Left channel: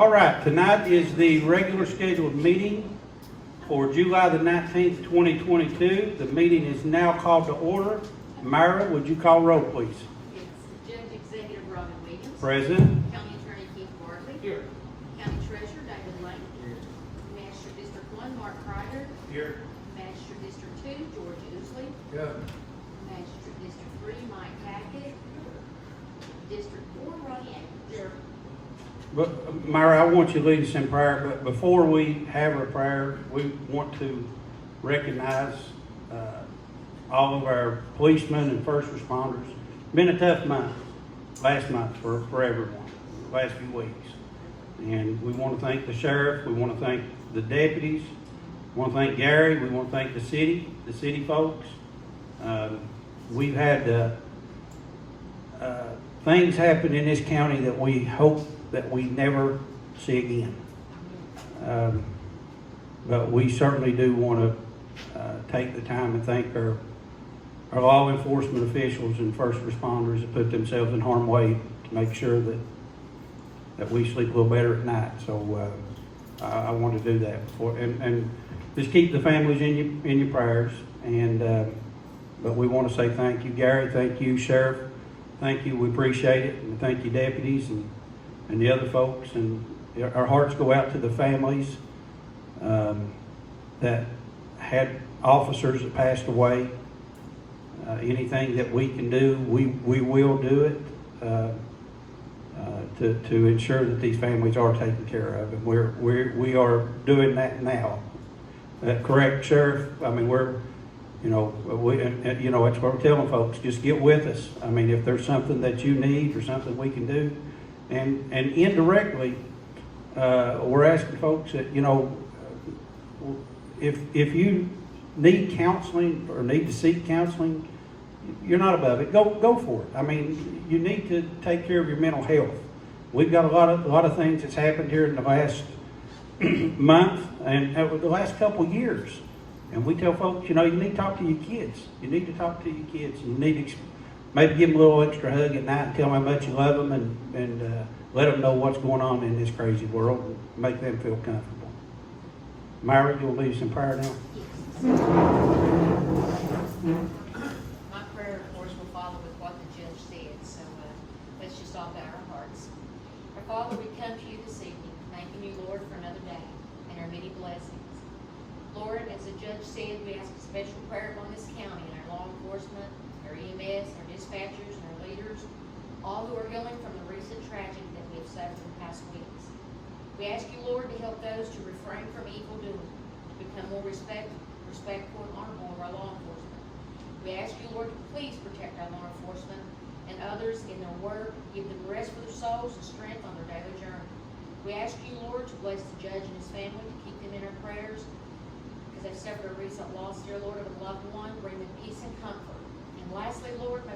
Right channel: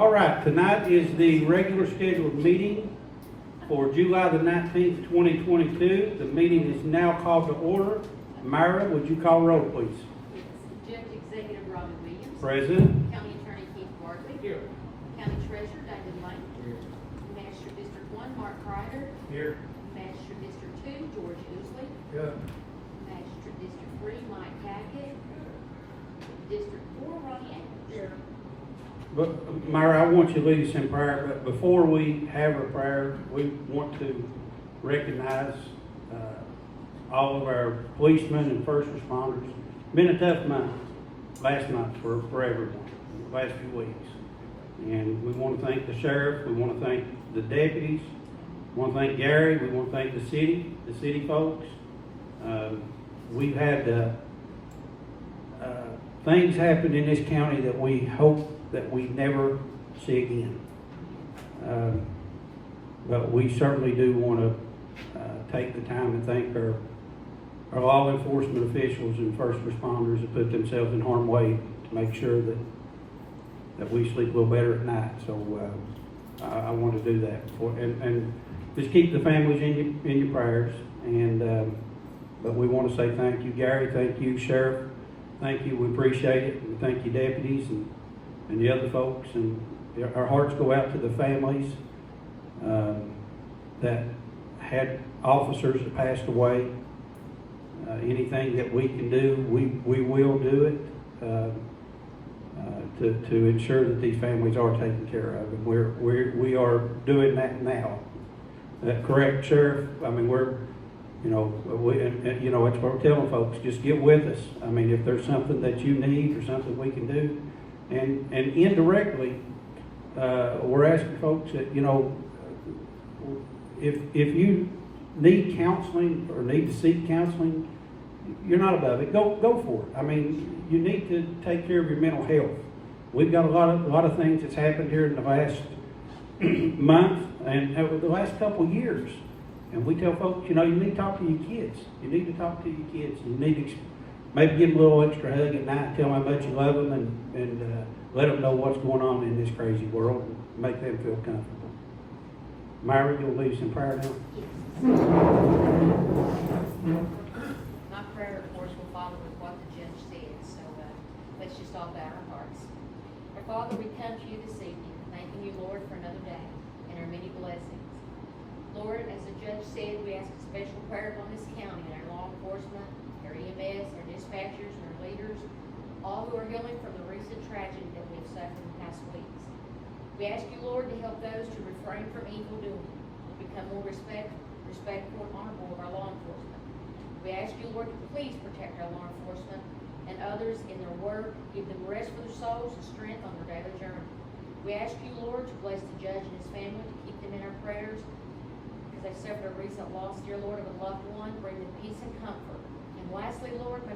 All right, tonight is the regular scheduled meeting for July the 19th, 2022. The meeting is now called to order. Myra, would you call roll, please? It's Judge Executive Robin Williams. Present. County Attorney Keith Bartley. Here. County Treasurer David Lane. Here. Magistrate District 1 Mark Kreider. Here. Magistrate District 2 George Ousley. Yeah. Magistrate District 3 Mike Hackett. District 4 Ronnie Andrews. Here. But, Myra, I want you to lead us in prayer, but before we have a prayer, we want to recognize all of our policemen and first responders. It's been a tough month, last month for everyone, the last few weeks. And we want to thank the sheriff, we want to thank the deputies, we want to thank Gary, we want to thank the city folks. We've had things happen in this county that we hope that we never see again. But we certainly do want to take the time and thank our law enforcement officials and first responders that put themselves in harm's way to make sure that we sleep a little better at night. So I want to do that and just keep the families in your prayers. And but we want to say thank you, Gary. Thank you, Sheriff. Thank you. We appreciate it. And thank you, deputies and the other folks. And our hearts go out to the families that had officers that passed away. Anything that we can do, we will do it to ensure that these families are taken care of, and we are doing that now. That correct, Sheriff? I mean, it's what we're telling folks. Just get with us. I mean, if there's something that you need or something we can do, and indirectly, we're asking folks that if you need counseling or need to seek counseling, you're not above it. Go for it. I mean, you need to take care of your mental health. We've got a lot of things that's happened here in the last month and over the last couple of years, and we tell folks, you need to talk to your kids. You need to talk to your kids. You need to maybe give them a little extra hug at night and tell them how much you love them, and let them know what's going on in this crazy world and make them feel comfortable. Myra, you'll lead us in prayer now. My prayer, of course, will follow with what the judge said, so let's just all bow our hearts. Our Father, we come to you this evening, thanking you, Lord, for another day and our many blessings. Lord, as the judge said, we ask a special prayer upon this county and our law enforcement, our EMS, our dispatchers, and our leaders, all who are healing from the recent tragedy that we have suffered in past weeks. We ask you, Lord, to help those to refrain from evil doing, become more respectful and honorable of our law enforcement. We ask you, Lord, to please protect our law enforcement and others in their work, give them rest for their souls and strength on their daily journey. We ask you, Lord, to bless the judge and his family, to keep them in our prayers, because they've suffered a recent loss, dear Lord, of a loved one. Bring them peace and comfort. And lastly, Lord, may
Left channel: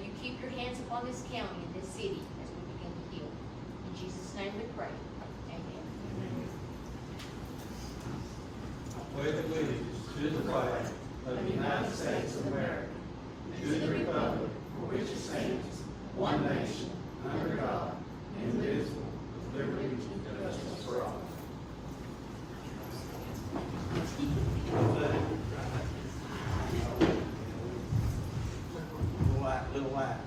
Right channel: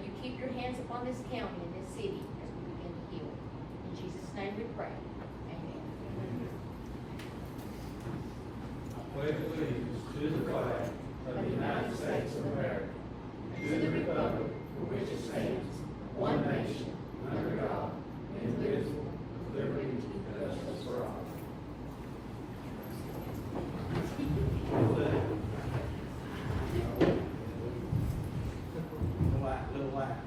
you keep your hands upon this county and this city as we begin to heal. In Jesus' name we pray. Amen. Pledge allegiance to the flag of the United States of America and to the republic for which it stands, one nation, under God, indivisible, with liberty and justice for all. Little light.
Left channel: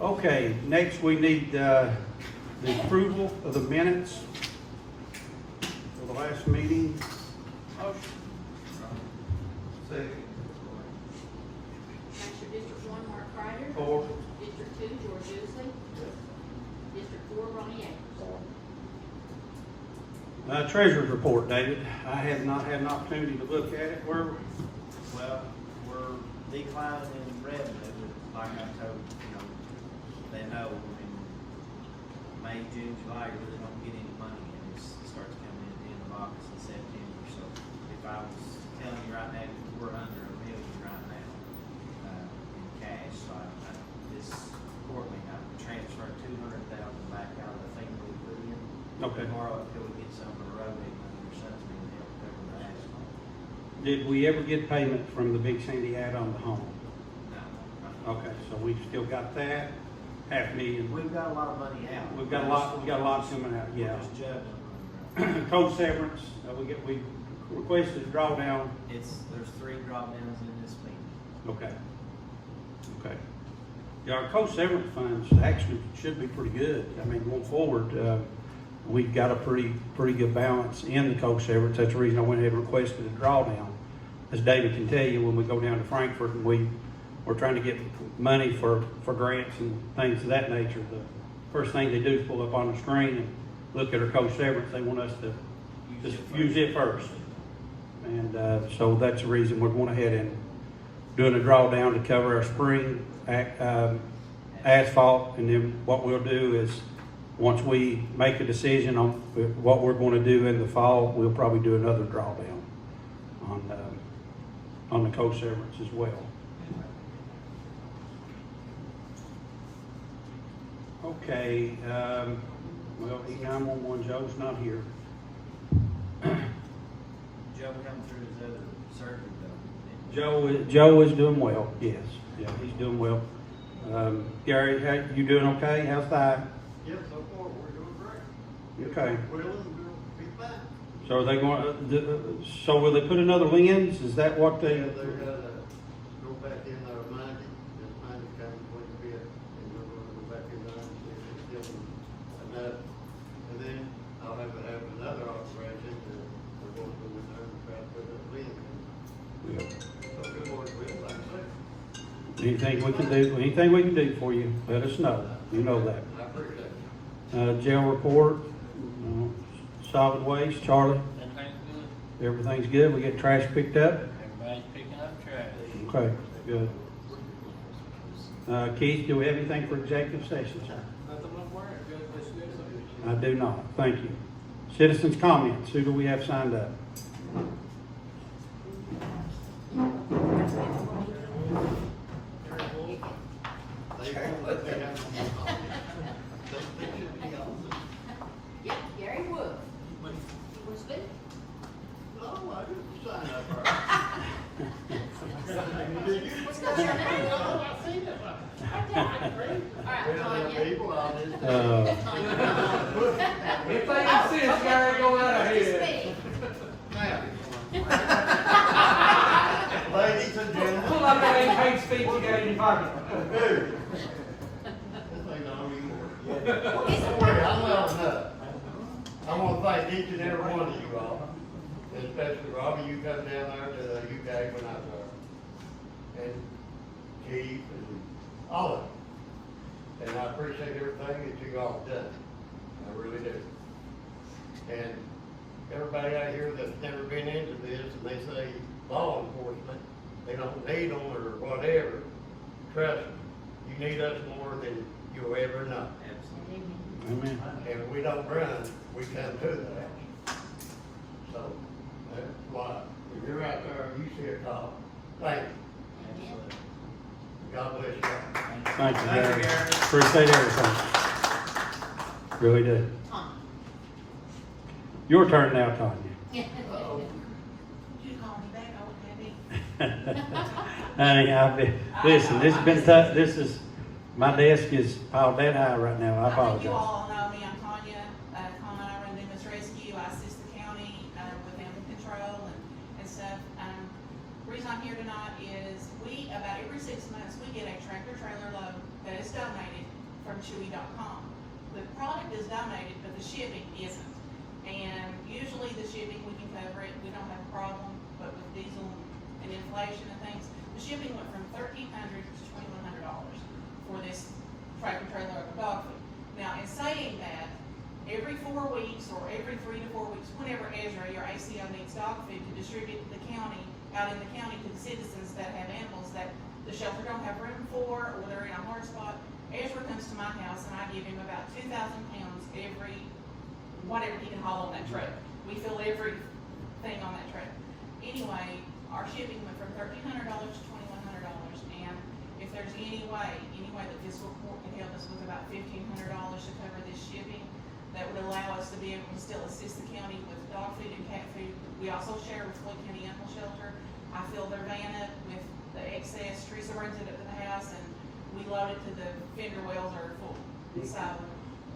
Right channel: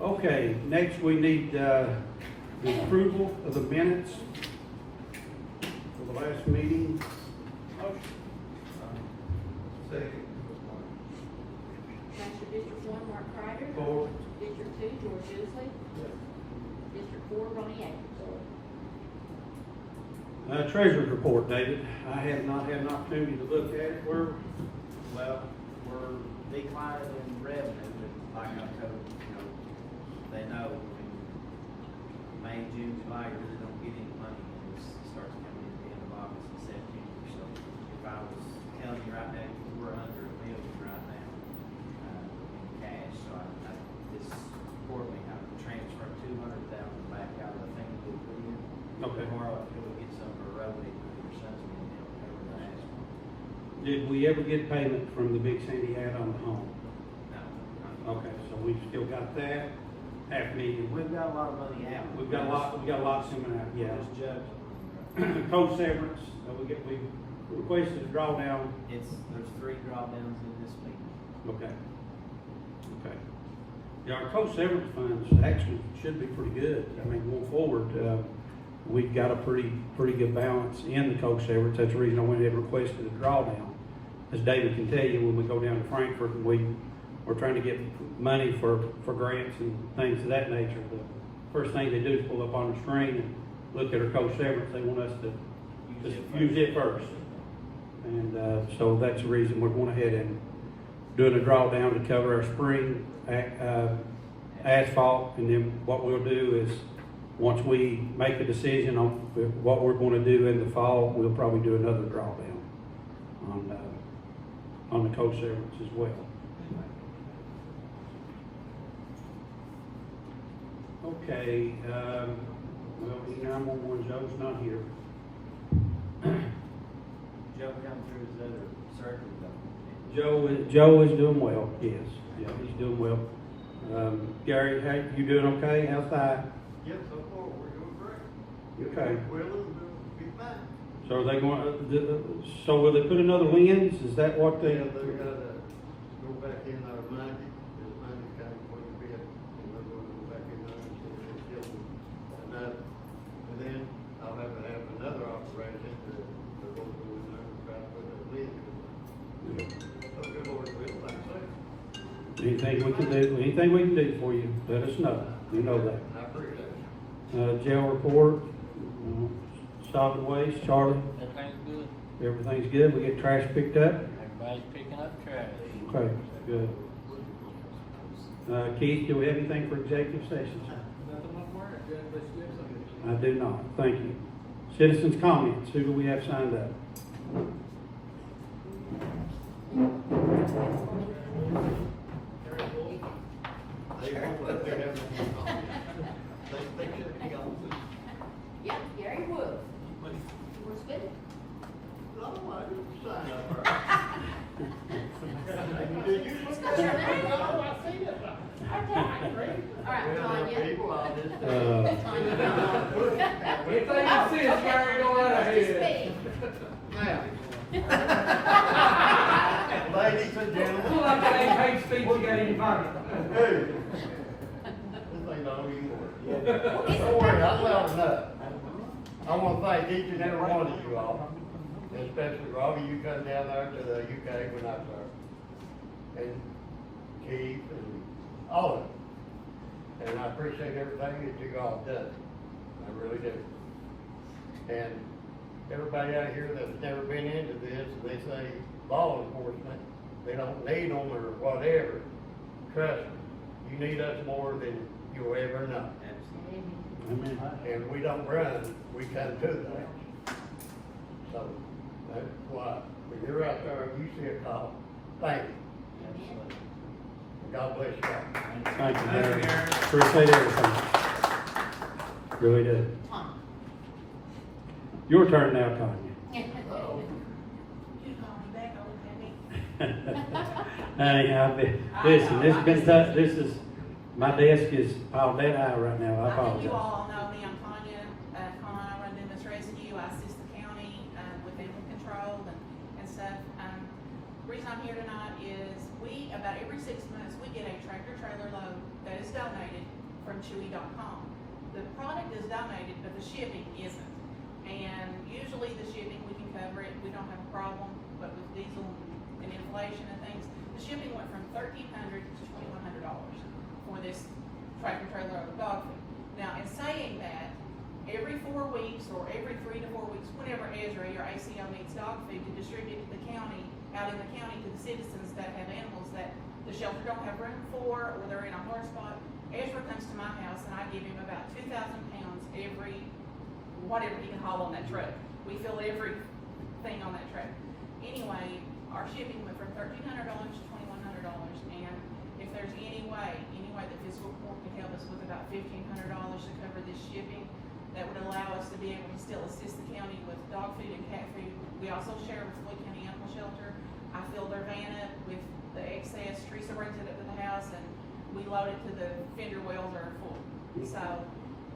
Okay, next we need the approval of the minutes for the last meeting. Second. Magistrate District 1 Mark Kreider. 4. District 2 George Ousley. District 4 Ronnie Andrews. Treasurer's report, David. I have not had an opportunity to look at it. Well, we're declining in revenue, but like I told they know, May, June, July, you really don't get any money, and it starts coming in the end of August and September. So if I was telling you right now, we're under $1 million right now in cash. So this quarterly, I transferred $200,000 back out of the thing that we put in. Okay. Tomorrow, until we get some of the road money or something, and they'll cover the asphalt. Did we ever get payment from the Big Sandy add-on to home? No. Okay, so we still got that. $500,000. We've got a lot of money out. We got a lot coming out, yeah. We're just juggling. Coach severance, we requested a drawdown. There's 3 drop-downs in this meeting. Okay. Yeah, our coach severance funds actually should be pretty good. I mean, going forward, we've got a pretty good balance in the coach severance. That's the reason I went ahead and requested a drawdown. As David can tell you, when we go down to Frankfurt and we're trying to get money for grants and things of that nature, the first thing they do is pull up on the screen and look at our coach severance. They want us to just use it first. And so that's the reason we're going ahead and doing a drawdown to cover our spring asphalt. And then what we'll do is, once we make a decision on what we're going to do in the fall, we'll probably do another drawdown on the coach severance as well. Okay, well, the 911, Joe's not here. Joe come through his other surgery. Joe is doing well, yes. Yeah, he's doing well. Gary, you doing okay? How's that? Yep, so far, we're doing great. Okay. We'll be fine. So are they going, so will they put another lens? Is that what they? Yeah, they're gonna go back in there Monday, and Monday comes when you bid, and they're gonna go back in there and see if it's still enough. And then I'll have to have another operation, they're gonna go in there and try to put that lid in. Yeah. So good Lord will, like I say. Anything we can do for you, let us know. You know that. I appreciate it. Jail report, solid waste, Charlie, Everything's good. everything's good. We get trash picked up. Everybody's picking up trash. Okay, good. Keith, do we have anything for executive session, sir? Nothing much more. Good, let's get some. I do not. Thank you. Citizens' comments. Who do we have signed up? Yep, Gary Wolf. Yours good? No, I didn't sign up for it. What's your name? All right, Tanya. People, I'll just. If they insist, Gary, go right ahead. Ladies and gentlemen. Pull out that 8-page speech you got in your pocket. Dude. This ain't not anymore. Don't worry, I'm loud enough. I want to thank each and every one of you all, and especially Robbie, you come down there to the UK when I was there. And Keith and all of them. And I appreciate everything that you all done. I really do. And everybody out here that's never been into this, and they say law enforcement, they don't need them or whatever. Trust me, you need us more than you'll ever know. Absolutely. Amen. And we don't run, we come to that. So, that's why, when you're out there, you see a cop, thank you. Absolutely. God bless you. Thank you, Thank you, Gary. Gary. Appreciate everything. Really do. Your turn now, Tanya. Uh-oh. You call me back, I wouldn't have it. Honey, listen, this has been tough. My desk is piled that high right now. I I think you apologize. all know me, I'm Tanya, I run Dumas Rescue, I assist the county, with animal control and stuff. Reason I'm here tonight is about every 6 months, we get a tractor trailer load that is donated from Chewy.com. The product is donated, but the shipping isn't. And usually the shipping, we can cover it, we don't have a problem, but with diesel and inflation and things, the shipping went from $1,300 to $2,100 for this tractor trailer of dog food. Now, in saying that, every 4 weeks or every 3 to 4 weeks, whenever Ezra, your ACO, needs dog food to distribute to the county, out in the county to the citizens that have animals that the shelter don't have room for, or they're in a hard spot, Ezra comes to my house and I give him about 2,000 pounds every, whatever he can haul on that truck. We fill everything on that truck. Anyway, our shipping went from $1,300 to $2,100, and if there's any way that Fiscal Court can help us with about $1,500 to cover this shipping, that would allow us to be able to still assist the county with dog food and cat food. We also share with Floyd County Animal Shelter. I fill their van up with the excess. Teresa runs it up to the house, and we load it to the fender wells are full. So,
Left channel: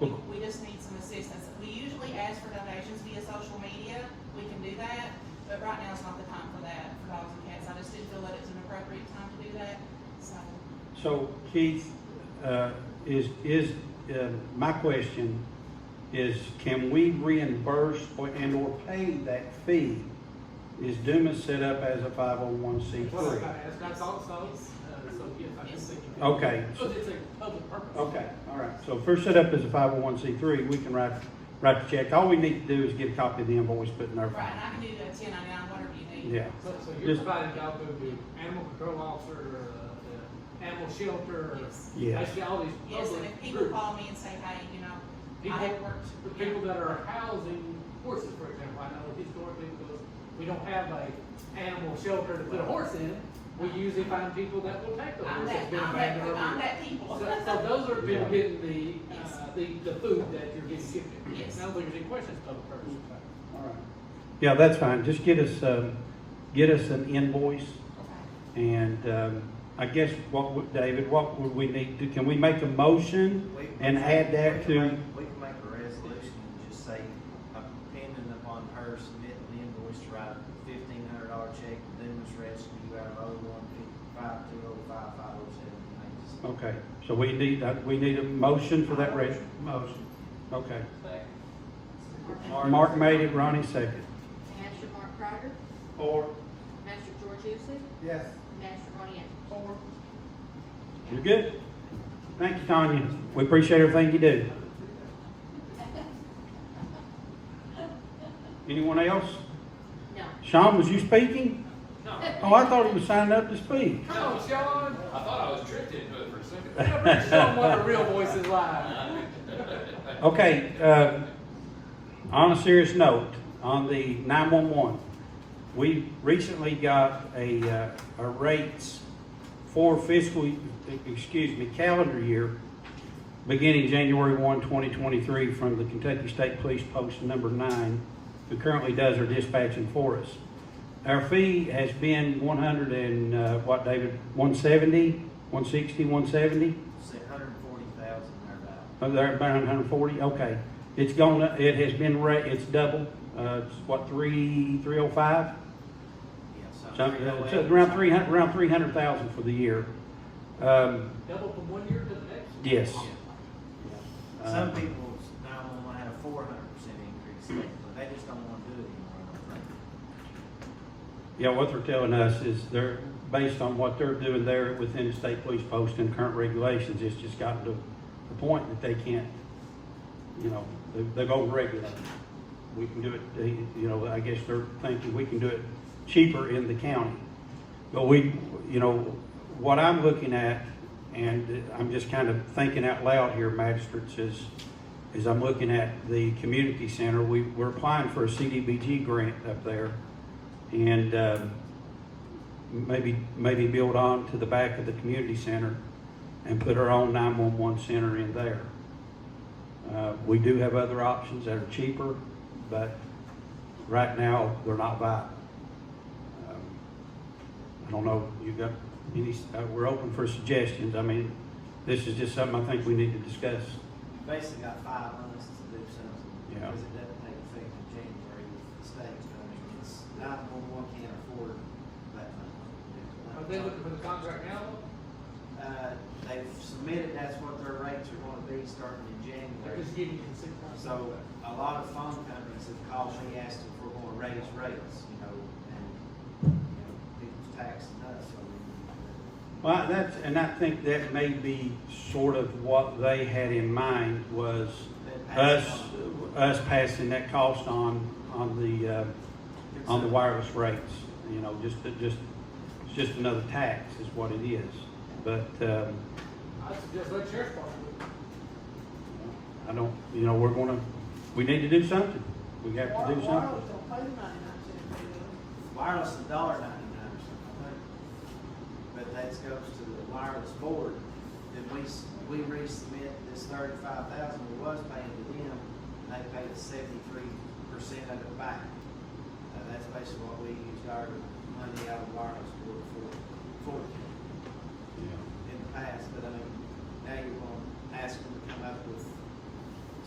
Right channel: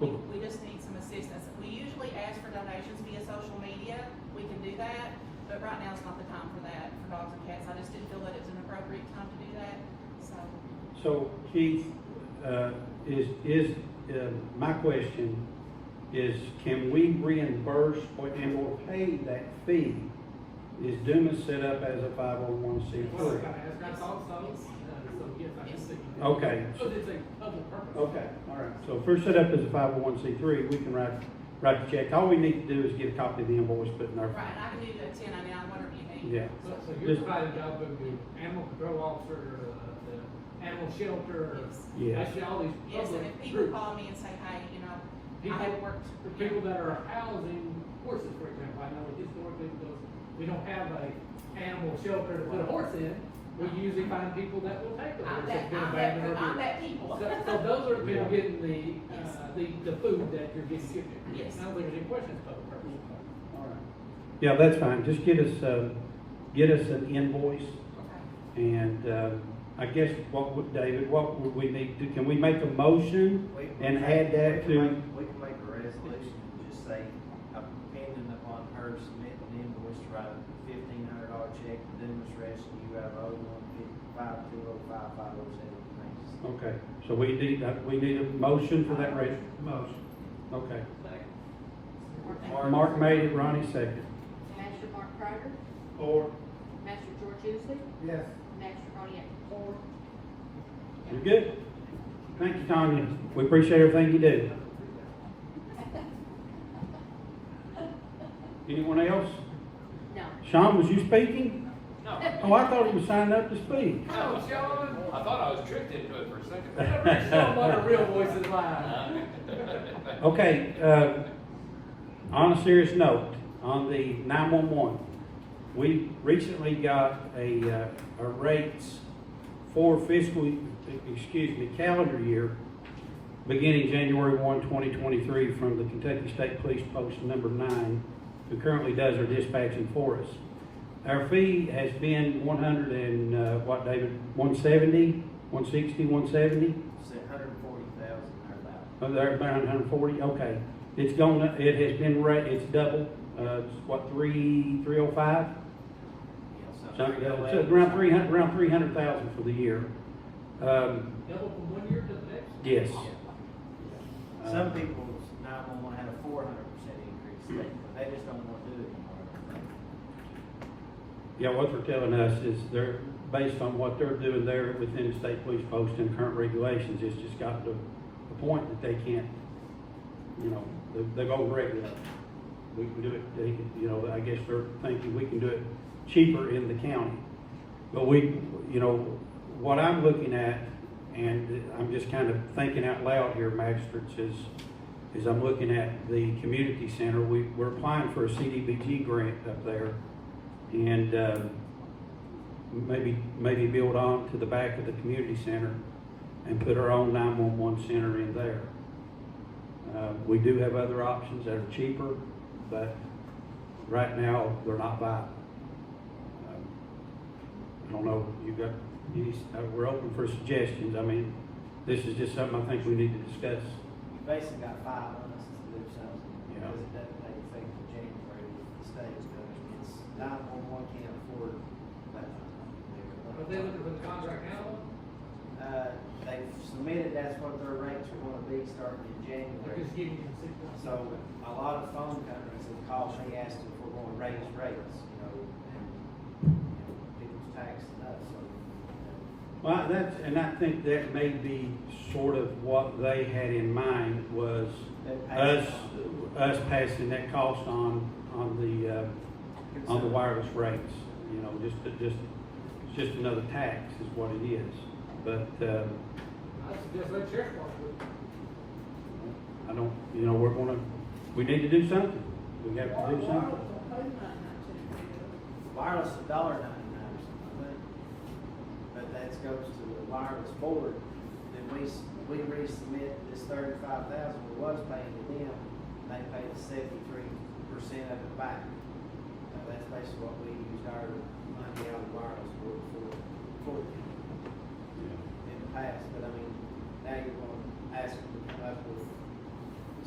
we just need some assistance. We usually ask for donations via social media, we can do that, but right now it's not the time for that, for dogs and cats. I just didn't feel that it was an appropriate time to do that, so. So Keith, my question is, can we reimburse and or pay that fee? Is Dumas set up as a 501c3? Well, that's also, so yes, I just think you can. Okay. Because it's a public purpose. Okay, all right. So if we're set up as a 501c3, we can write the check. All we need to do is get a copy of the invoice put in our. Right, and I can do a 1099, whatever you need. Yeah. So you're providing dog food to animal control officer, the animal shelter, Yes. Yes. actually all these Yes, and if public people groups. call me and say, hey, you know, I People, have worked. for people that are housing horses, for example, I know that historically, because we don't have a animal shelter to put a horse in, we usually find people that will take the horse that's been abandoned or I'm abused. that people. So those are people getting the food that you're getting gifted. Yes. I don't think there's any questions of public purpose. All right. Yeah, that's fine. Just get us an invoice. Okay. And I guess David, what would we need to, can we make a motion and add that to? We can make a resolution and just say, depending upon her submitting an invoice to write a $1,500 check to Dumas Rescue out of 015205507. Okay, so we need a motion for that motion. Okay. Mark made it, Ronnie seconded. Master Mark Crider, Or. Master George Usley, Yes. Master Ronnie Anderson. You're good? Thank you, Tanya. We appreciate everything you do. Anyone else? No. Sean, was you speaking? No. Oh, I thought he was signing up to speak. Come on, Sean. I thought I was tricked into it for a second. Bring Sean what her real voice is like. Okay, on a serious note, on the 911, we recently got a rates for calendar year, beginning January 1, 2023, from the Kentucky State Police Post number 9, who currently does our dispatching for us. Our fee has been 100 and, what, David, 170, 160, 170? 140,000 thereabouts. Oh, they're about 140, okay. It's gone, it has been, it's double, it's what, 305? Yeah, So, it's around 300,000 for the year. Double from one year to the next? Yes. Some people now want to have a 400% increase, but they just don't want to do it anymore. I think. Yeah, what they're telling us is they're, based on what they're doing there within the state police post and current regulations, it's just gotten to the point that they can't, you know, they've overregulated. We can do it, you know, I guess they're thinking we can do it cheaper in the county. But we, you know, what I'm looking at, and I'm just kind of thinking out loud here, magistrates, is I'm looking at the community center. We're applying for a CDBG grant up there, and maybe build on to the back of the community center and put our own 911 center in there. We do have other options that are cheaper, but right now they're not viable. I don't know, you got any, we're open for suggestions. I mean, this is just something I think we need to discuss. You basically got 5 months to do something, Yeah. because it doesn't take effect until January with the state. I mean, it's 911 can't afford that. Are they looking for the contract now? They've submitted, that's what their rates are going to be starting in They're January. just giving you the 6 months. So a lot of phone companies have called me asking if we're going to raise rates, you know, and, you know, people's taxing us, so. Well, and I think that may be sort of what they had in mind was us passing that cost on the wireless rates. You know, it's just another tax is what it is. But I suggest let the sheriff's department do it. I don't, you know, we need to do something. We got to do something. Wireless is $1.99 or something, I think. But that goes to the wireless board. Then we resubmit this 35,000 we was paying to them, and they paid us 73% of it back. That's basically what we used our money out of the wireless board for in the past. But I mean, they were gonna ask them to come up with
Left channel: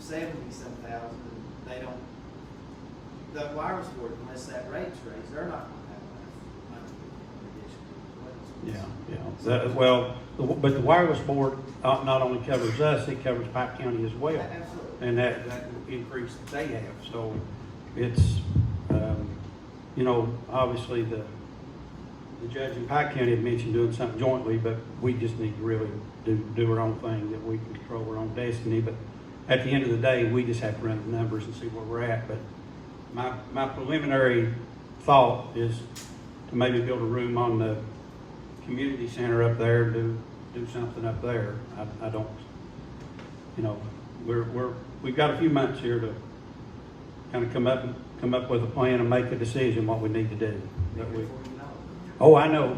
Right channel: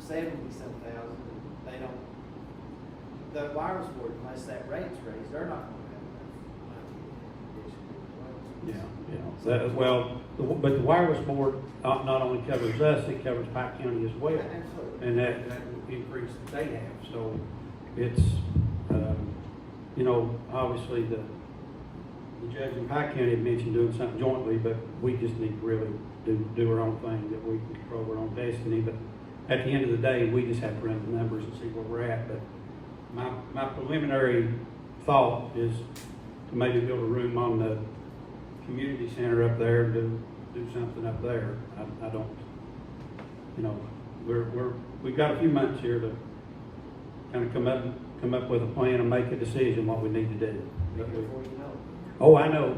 70-some thousand, and they don't, the wireless board, unless that rate's raised, they're not gonna have enough money in addition to the Yeah, rates. yeah. Well, but the wireless board not only covers us, it covers Pike County as well. Absolutely. And that increase that they have, so it's, you know, obviously the judge in Pike County had mentioned doing something jointly, but we just need to really do our own thing, that we can control our own destiny, but at the end of the day, we just have to run the numbers and see where we're at, but my preliminary thought is to maybe build a room on the community center up there, and do something up there. I don't, you know, we've got a few months here to kind of come up with a plan and make a decision what we need to do. Before you know it. Oh, I know.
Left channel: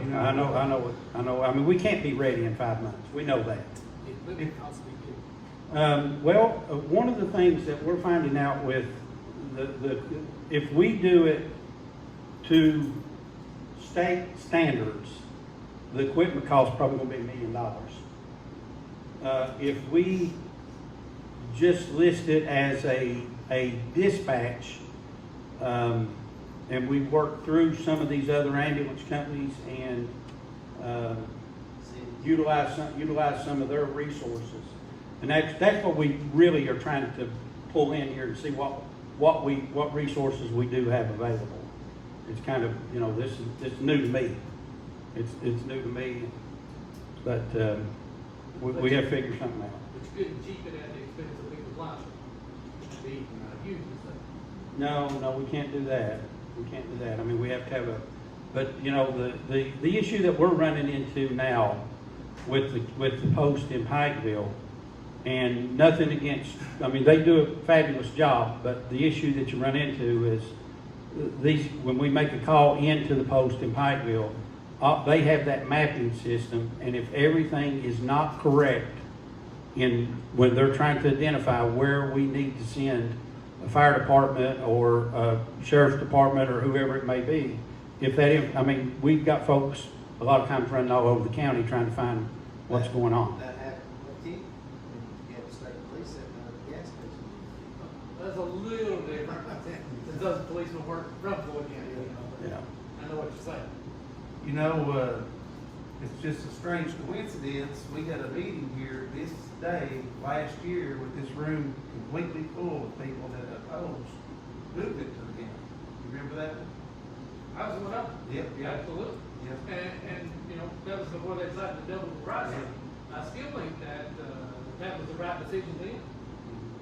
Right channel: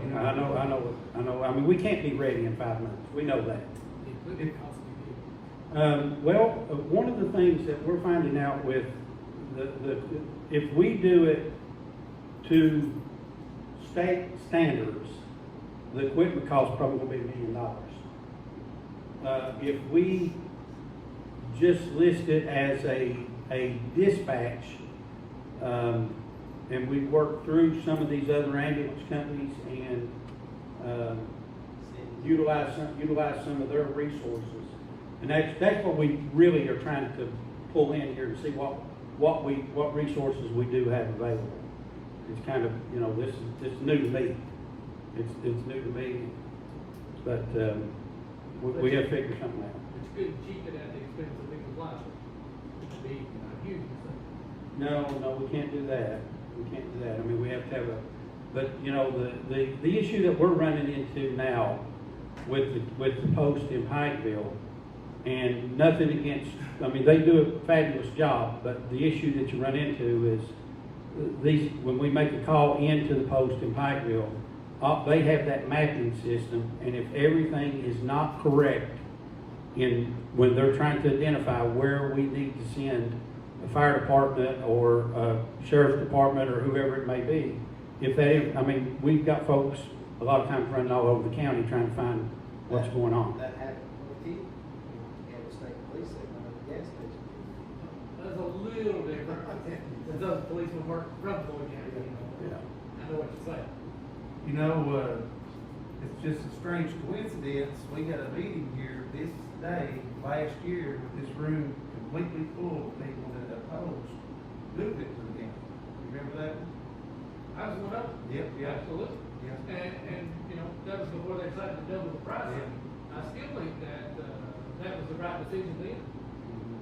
I mean, we can't be ready in 5 months. We know that. It would be possibly be. Well, one of the things that we're finding out with if we do it to state standards, the equipment cost probably gonna be $1 million. If we just list it as a dispatch, and we work through some of these other ambulance companies and utilize some of their resources, and that's what we really are trying to pull in here to see what resources we do have available. It's kind of, you know, it's new to me. It's new to me, but we have to figure something out. It's good and cheap at the expense of people's lives. It'd be huge. No, we can't do that. We can't do that. I mean, we have to have but you know, the issue that we're running into now with the post in Pikeville, and nothing against, I mean, they do a fabulous job, but the issue that you run into is when we make a call into the post in Pikeville, they have that mapping system, and if everything is not correct when they're trying to identify where we need to send a fire department or a sheriff's department or whoever it may be, I mean, we've got folks a lot of times running all over the county trying to find what's going on. That happened with T. We had the state police at the gas station. That's a little different. It doesn't policemen work from Floyd County, you know, but Yeah. I know what you're saying. You know, it's just a strange coincidence. We had a meeting here this day last year with this room completely full of people that opposed movement to the county. You remember that one? I was one of them. Yep. Absolutely. Yep. And, you know, that was before they decided to double the price. Yep. I still think that, that was the right decision then.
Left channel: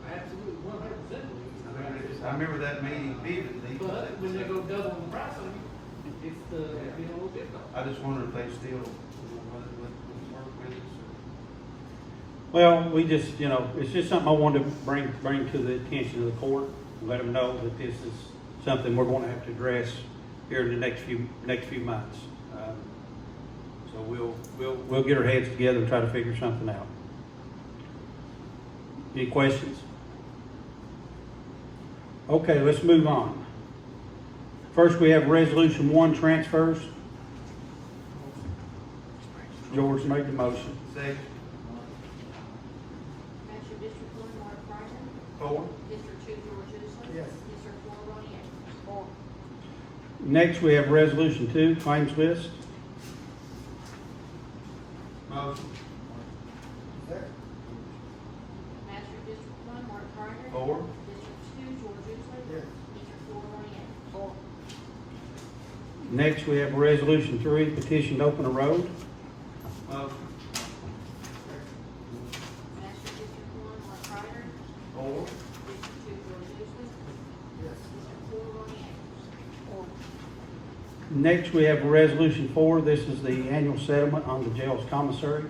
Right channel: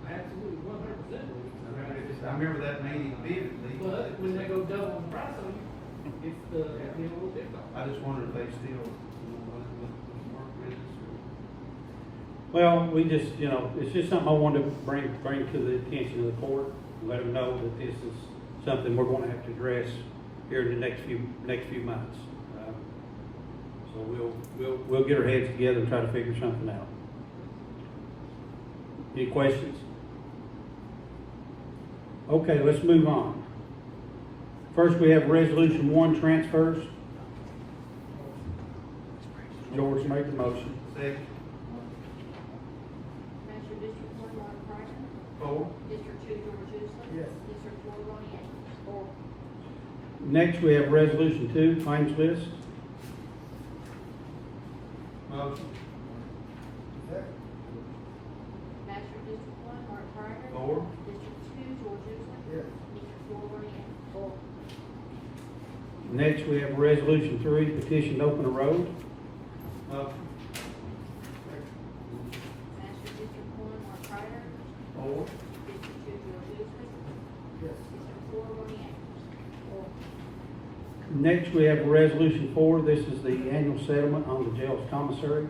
I absolutely 100% believe it's the right I remember that meeting vividly. But when they go double the price on you, it's, being a little difficult. I just wonder if they still, want to work with us or. Well, we just, you know, it's just something I wanted to bring to the attention of the court, and let them know that this is something we're going to have to address here in the next few months. So we'll get our heads together and try to figure something out. Any questions? Okay, let's move on. First, we have Resolution 1 transfers. George made the motion. Second. Measure District 1, Mark Ryder. 4. District 2, George Usley. Yes. District 4, Ronnie Andrews. 4. Next, we have Resolution 2, claims list. Motion. Measure District 1, Mark Ryder. 4. District 2, George Usley. Yes. District 4, Ronnie Andrews. 4. Next, we have Resolution 3, petition to open a road. Motion. Measure District 1, Mark Ryder. 4. District 2, George Usley. Yes. District 4, Ronnie Andrews. 4. Next, we have Resolution 4. This is the annual settlement on the jail's commissary.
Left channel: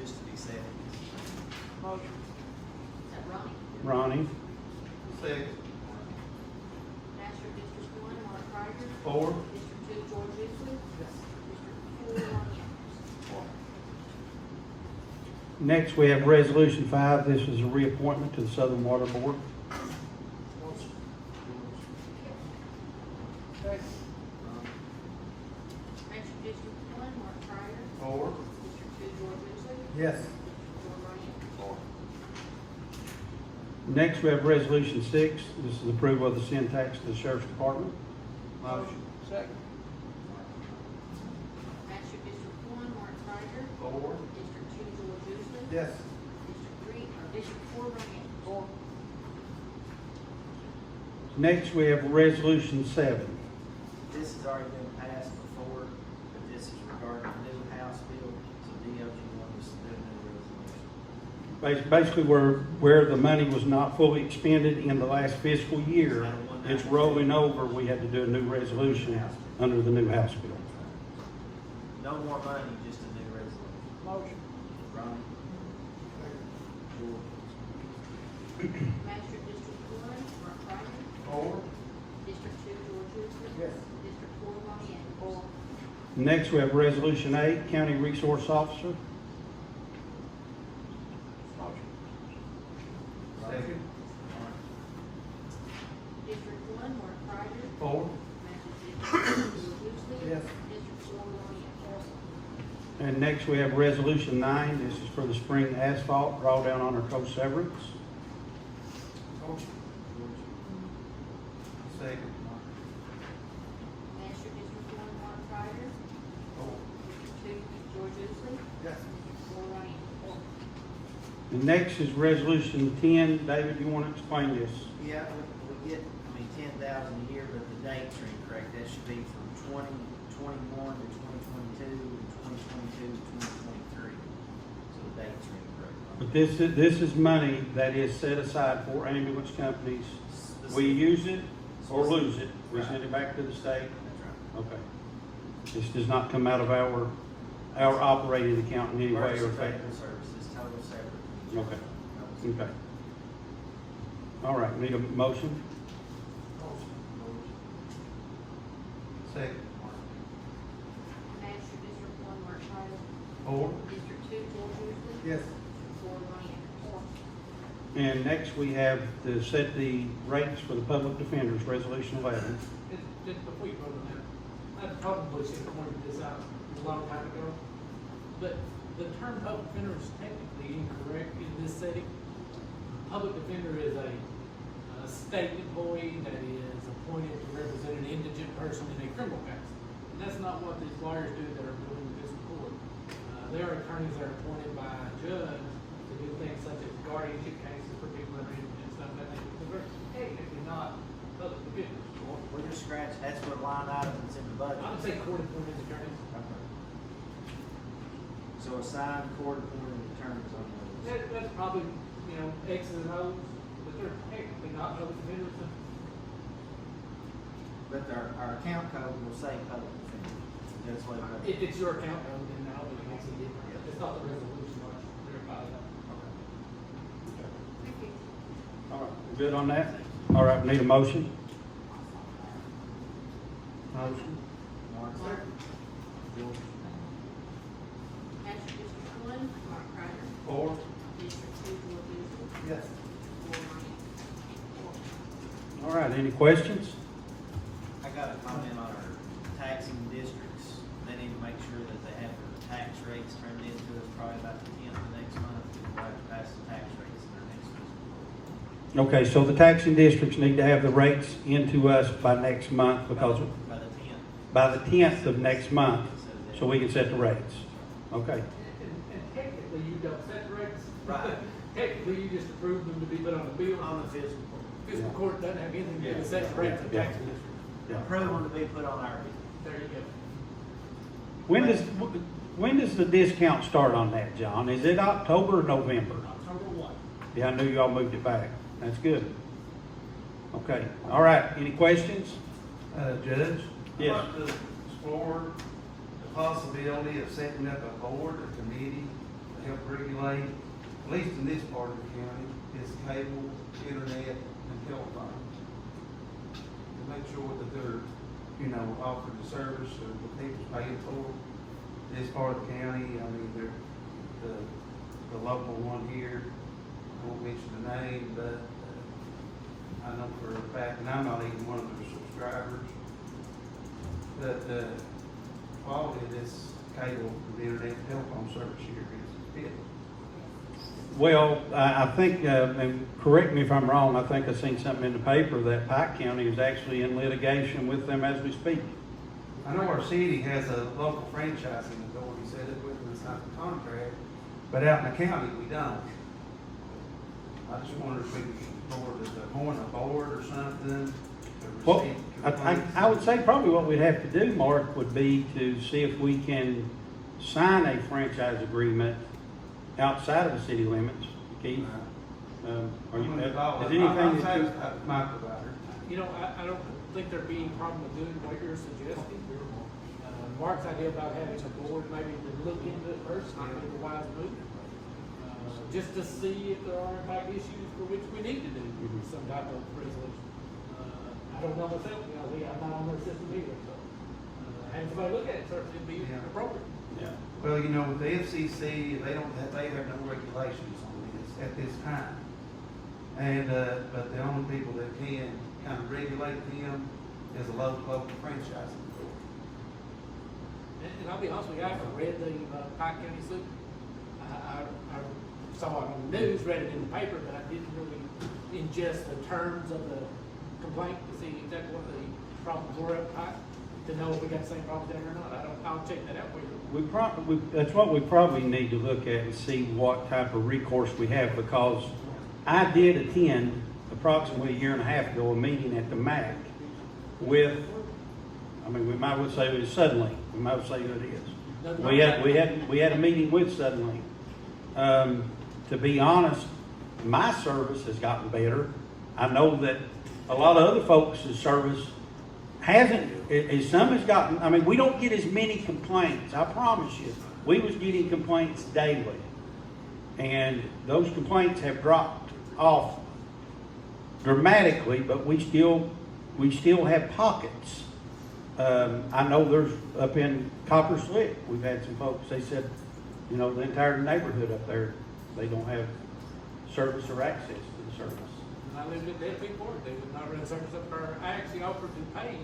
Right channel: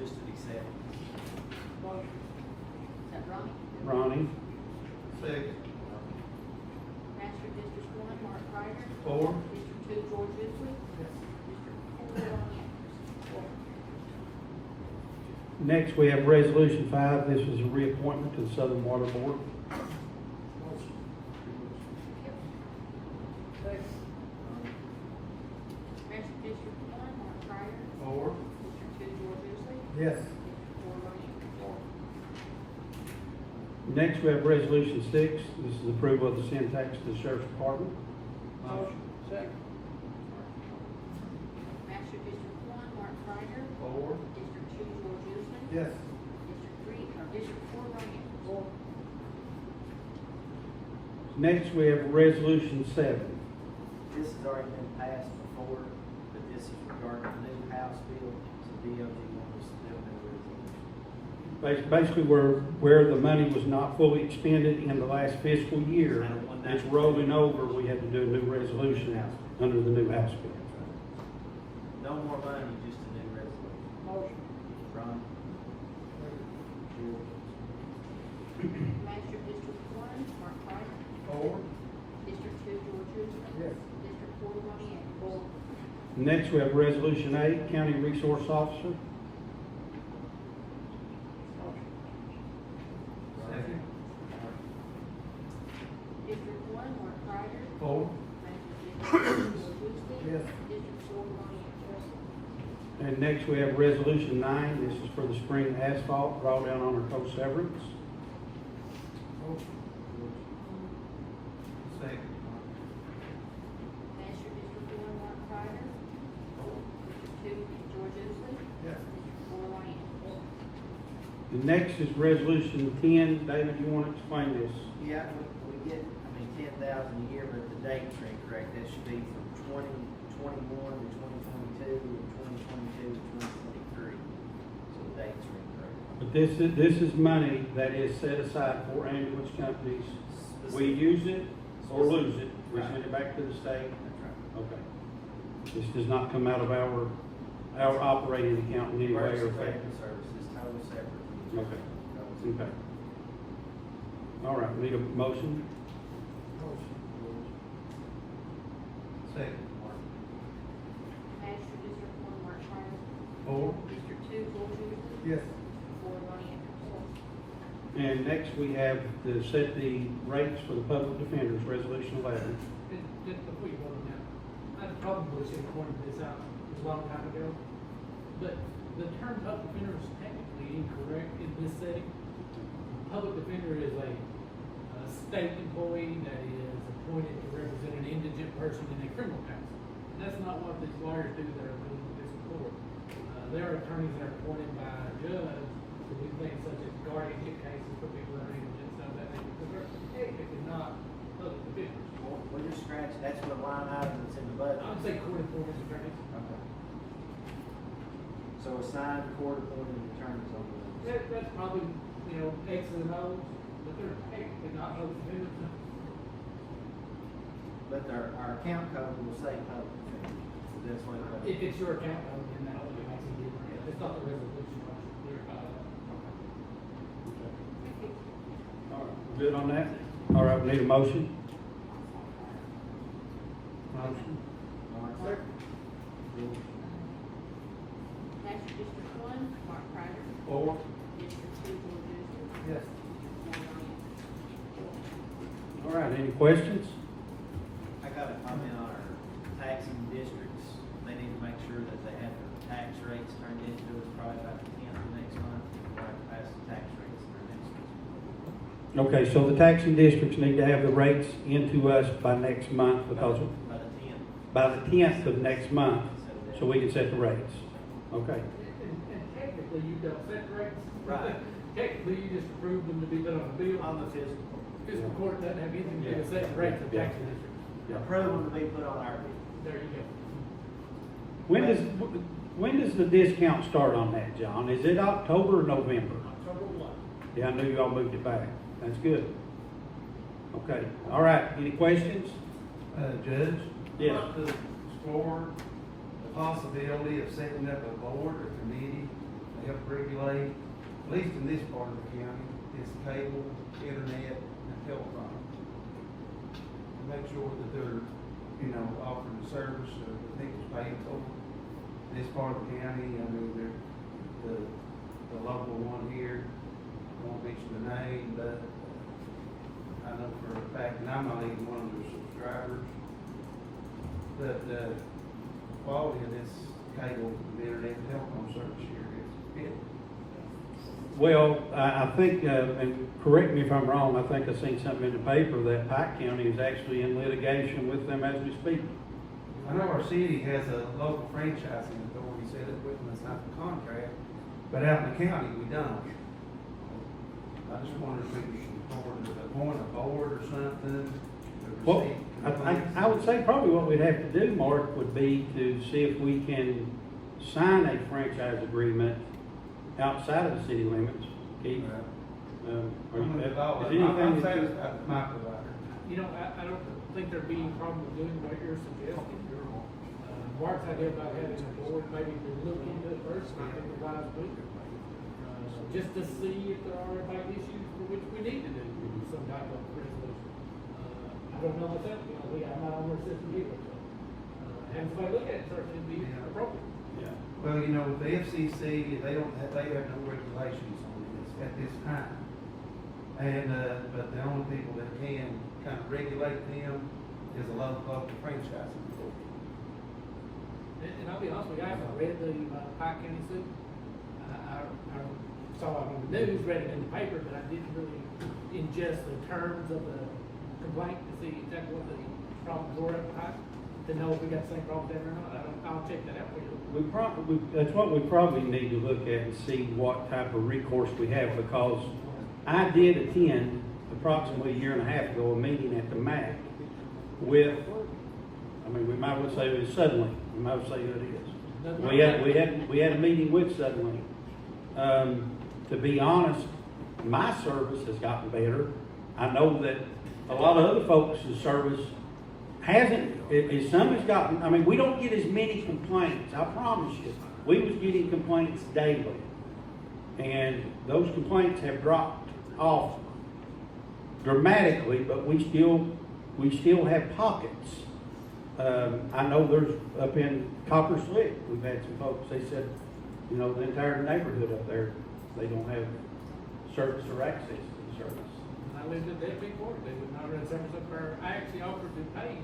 Just to be said. Motion. Is that Ronnie? Ronnie. Second. Measure District 1, Mark Ryder. 4. District 2, George Usley. District 4, Ronnie Andrews. 4. Next, we have Resolution 5. This is a reappointment to the Southern Water Board. Measure District 1, Mark Ryder. 4. Yes. District 4 Lorian. Next, we have Resolution 6. This is approval of the syntax to the Sheriff's Department. Motion. Second. Master District 1, Mark Ryder. Four. District 2, George Usley. Yes. District 4 Ryan. Four. Next, we have Resolution 7. This has already been passed before, but this is regarding the new House bill, so DOJ wants to do a new resolution. Basically, where the money was not fully expended in the last fiscal year, it's rolling over. We had to do a new resolution under the new House bill. No more money, just a new resolution. Motion. Ron? George? Master District 1, Mark Ryder. Four. District 2, George Usley. Yes. District 4 Ryan. Four. Next, we have Resolution 8, County Resource Officer. Second. District 1, Mark Ryder. Four. Master District 2, George Usley. Yes. District 4 Ryan. Four. And next, we have Resolution 9. This is for the spring asphalt drawdown on our coast severance. Second. Master District 1, Mark Ryder. District 2, George Usley. Yes. District 4 Ryan. Four. The next is Resolution 10. David, you want to explain this? Yeah, we get, 10,000 a year, but the dates are incorrect. That should be from 2021 to 2022, and 2022 to 2023. So the dates are incorrect. But this is money that is set aside for ambulance companies. We use it or lose it. We send it back to the state. That's right. Okay. This does not come out of our operating account in any way or Emergency effect. medical services, totally separate. Okay. Okay. All right, need a motion? Second. Master District 1, Mark Ryder. Four. District 2, George Usley. Yes. District 4 Ryan. Four. And next, we have to set the rates for the public defenders, Resolution 11. Just before you vote on that, I probably should have pointed this out a long time ago, but the term public defender is technically incorrect in this setting. Public defender is a state employee that is appointed to represent an indigent person in a criminal case. And that's not what these lawyers do that are doing in fiscal court. They are attorneys that are appointed by a judge to do things such as guardianship cases for people that are indigent and stuff like that, because they're technically not public defenders. Well, we're just scratching, that's what line item that's in the budget. I would say court appointed attorneys. Okay. So assigned court appointed attorneys on those. That's probably, X's and O's, but they're technically not public defenders. But our account code will say public defender. That's what it does. If it's your account, then I don't think it makes any difference. It's not the resolution or verify that. Thank you. All right, we're good on that? All right, we need a motion? Motion. Mark? Mark. George? Master District 1, Mark Ryder. Four. District 2, George Usley. Yes. 4 Ryan. Four. All right, any questions? I got a comment on our taxing districts. They need to make sure that they have their tax rates turned into us probably about the 10th of next month. We'll have to pass the tax rates in our next fiscal year. Okay, so the taxing districts need to have the rates into us by next month because By the 10th. by the 10th of next month, so we can set the rates. Okay, And technically, you don't set the rates. Right. Technically, you just approve them to be put on the bill. On the fiscal. Fiscal court doesn't have anything to do with setting the rates of tax district. Approve them to be put on our bill. There you go. when does the discount start on that, John? Is it October or November? October 1. Yeah, I knew y'all moved it back. That's good. Okay, all right, any questions? Judge? Yes. I'd like to explore the possibility of setting up a board or committee to help regulate, at least in this part of the county, this cable, internet, and telephone. To make sure that they're, offering the service or the people's paying for this part of the county. They're the local one here. I won't mention the name, but I know for a fact, and I'm not even one of their subscribers, but the quality of this cable, the internet, and telephone service here, it's it. Well, I think, and correct me if I'm wrong, I think I seen something in the paper that Pike County is actually in litigation with them as we speak. I know our city has a local franchising authority set up with us on the contract, but out in the county, we don't. I just wondered if we could appoint a board or something to Well, receive I complaints. would say probably what we'd have to do, Mark, would be to see if we can sign a franchise agreement outside of the city limits. Keith, are you, I'm is involved. anything I'm that you- satisfied with my provider. You know, I don't think there'd be any problem with doing what you're suggesting. Mark's idea about having a board, maybe to look into it first, might be the wise move. Just to see if there are big issues for which we need to do some type of resolution. I don't know myself, you know, I'm not on their system either, so, having somebody look at it certainly would be Yeah. appropriate. Yeah. Well, you know, with the FCC, they have no regulations on this at this time. And, but the only people that can kind of regulate them is a local franchising authority. And I'll be honest with you, I haven't read the Pike County suit. I saw it on the news, read it in the paper, but I didn't really ingest the terms of the complaint to see exactly what the problems were at Pike, to know if we got the same problems there or not. I'll check that out for you. That's what we probably need to look at and see what type of recourse we have, because I did attend approximately a year and a half ago, a meeting at the MAC with, I mean, we might well say it was Suddenly, we might well say it is. We had a meeting with Suddenly. To be honest, my service has gotten better. I know that a lot of other folks' service hasn't, some has gotten, I mean, we don't get as many complaints, I promise you. We was getting complaints daily. And those complaints have dropped off dramatically, but we still have pockets. I know there's up in Copper Slick, we've had some folks, they said, you know, the entire neighborhood up there, they don't have service or access to the service. And I lived at that big board, they would not run service up there. I actually offered to pay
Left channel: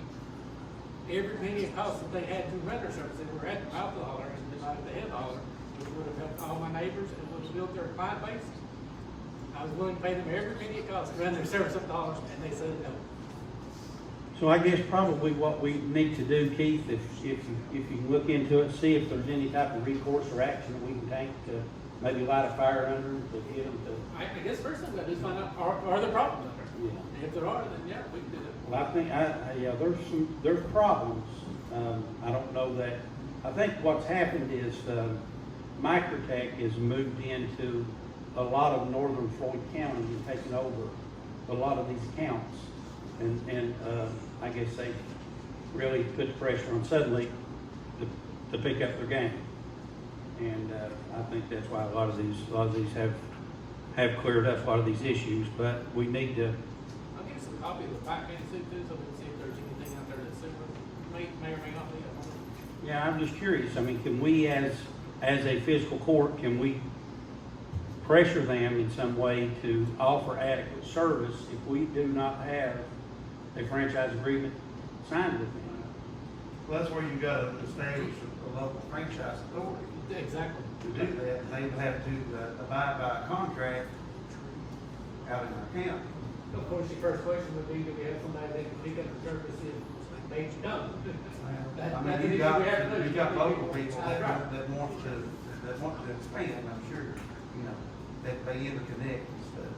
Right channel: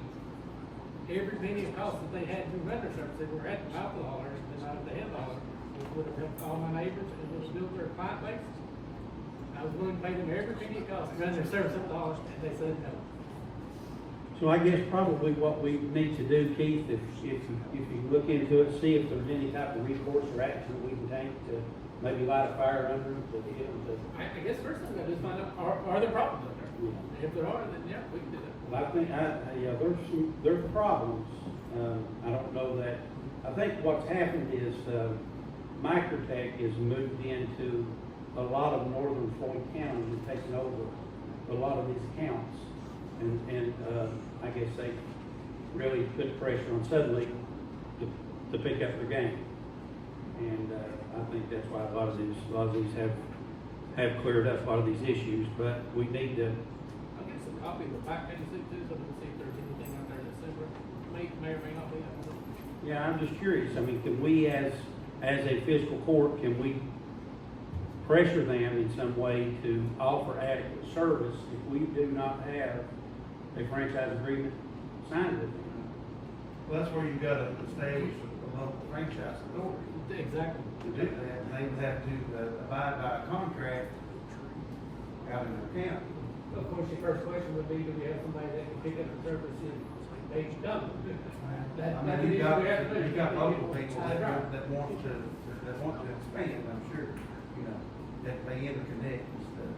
every penny of cost that they had to run their service. They were at the mouth of the holler, and not at the head of the holler, which would have helped all my neighbors and would have built their client base. I was willing to pay them every penny it cost to run their service up the holler, and they said no. So I guess probably what we need to do, Keith, if you look into it, see if there's any type of recourse or action that we can take to maybe light a fire under them, to get them to. I guess first thing I just find out, are there problems up there? Yeah. If there are, then yeah, we can do that. But I think, yeah, there's problems. I don't know that, I think what's happened is, Microtech has moved into a lot of northern Floyd County and taken over a lot of these accounts. And I guess they really put pressure on Suddenly to pick up their game. And I think that's why a lot of these have cleared up a lot of these issues, but we need to. I'll get some copy of the Pike County suit too, so we can see if there's anything out there that's similar. May or may not be. I don't know. Yeah, I'm just curious. I mean, can we as a fiscal court, can we pressure them in some way to offer adequate service if we do not have a franchise agreement signed with them? Well, that's where you gotta establish a local franchise authority Exactly. to do that, and they would have to abide by a contract out in their county. Of course, your first question would be, do we have somebody that can pick up the service if they don't? I mean, That's an you've issue got, we have to do. you've got local people Right. that want to expand, I'm sure, you know, that they interconnect and stuff.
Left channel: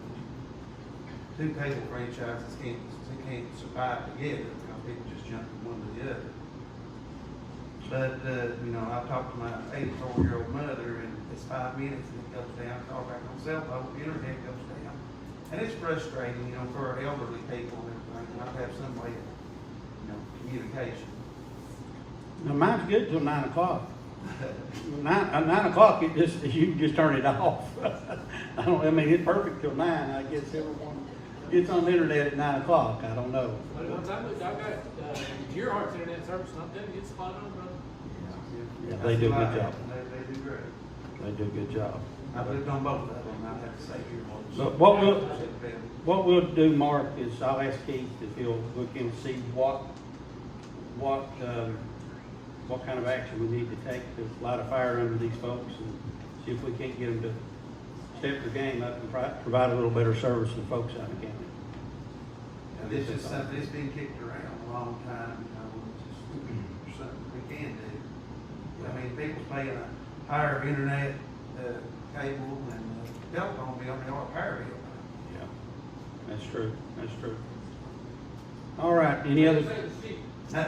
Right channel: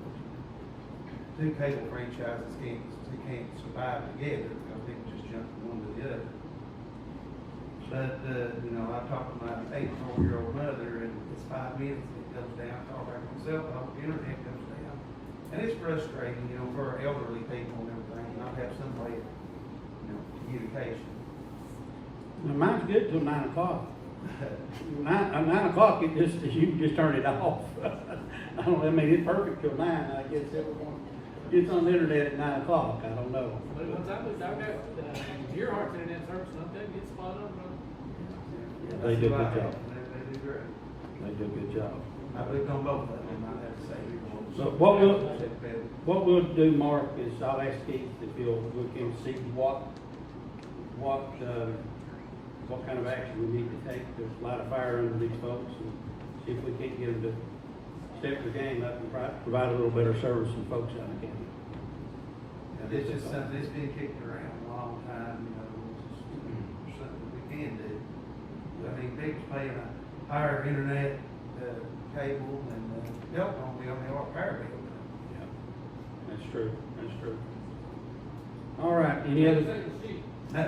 Two cable franchises can't survive together because people just jump from one to the other. But, you know, I talked to my 84-year-old mother, and it's 5 minutes, and it goes down, call back on the cell phone, the internet goes down. And it's frustrating, you know, for elderly people and everything, not to have some way of, you know, communication. Now, mine's good till 9 o'clock. 9 o'clock, you just turn it off. I mean, it's perfect till 9. I guess everyone gets on the internet at 9 o'clock. I don't know. But once I moved, I got Gearhart's internet service, and I'm telling you, it's spot on, brother. Yeah, they do a good job. They do great. They do a good job. I've lived on both of them, I have to say. So what we'll do, Mark, is I'll ask Keith if he'll look and see what what kind of action we need to take to light a fire under these folks and see if we can't get them to step the game up and provide a little better service to folks out in the county. Now, this is something that's been kicked around a long time, you know, it's just something we can do. I mean, people's paying a higher internet, cable and, telephone bill on the power bill. Yeah, that's true, that's true. All right, any other? No.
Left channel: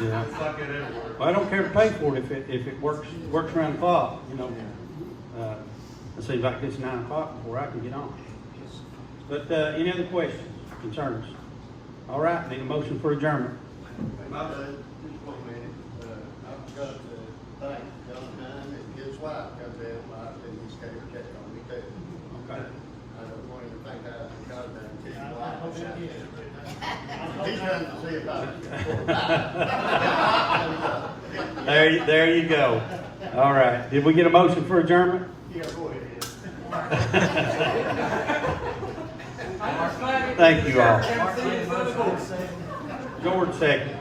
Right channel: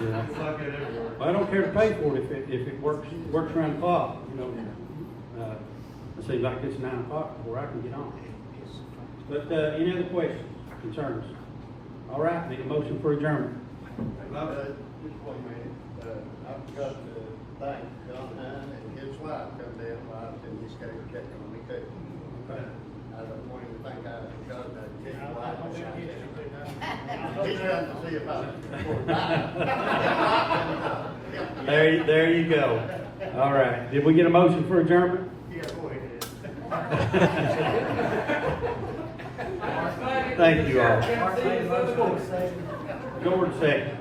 Yeah. It's like it everywhere. Well, I don't care to pay for it if it works around the clock, you know. It seems like it's 9 o'clock before I can get on. But, any other questions, concerns? All right, need a motion for adjournment. Just 1 minute, I've got to thank John Hine and his wife come down while I was in this case, check on me too. Okay. I don't want to think I got nothing to his wife. He's come to see about it. There you go. All right, did we get a motion for adjournment? Yeah, go ahead. Thank you all. Mark made a motion, second. George second.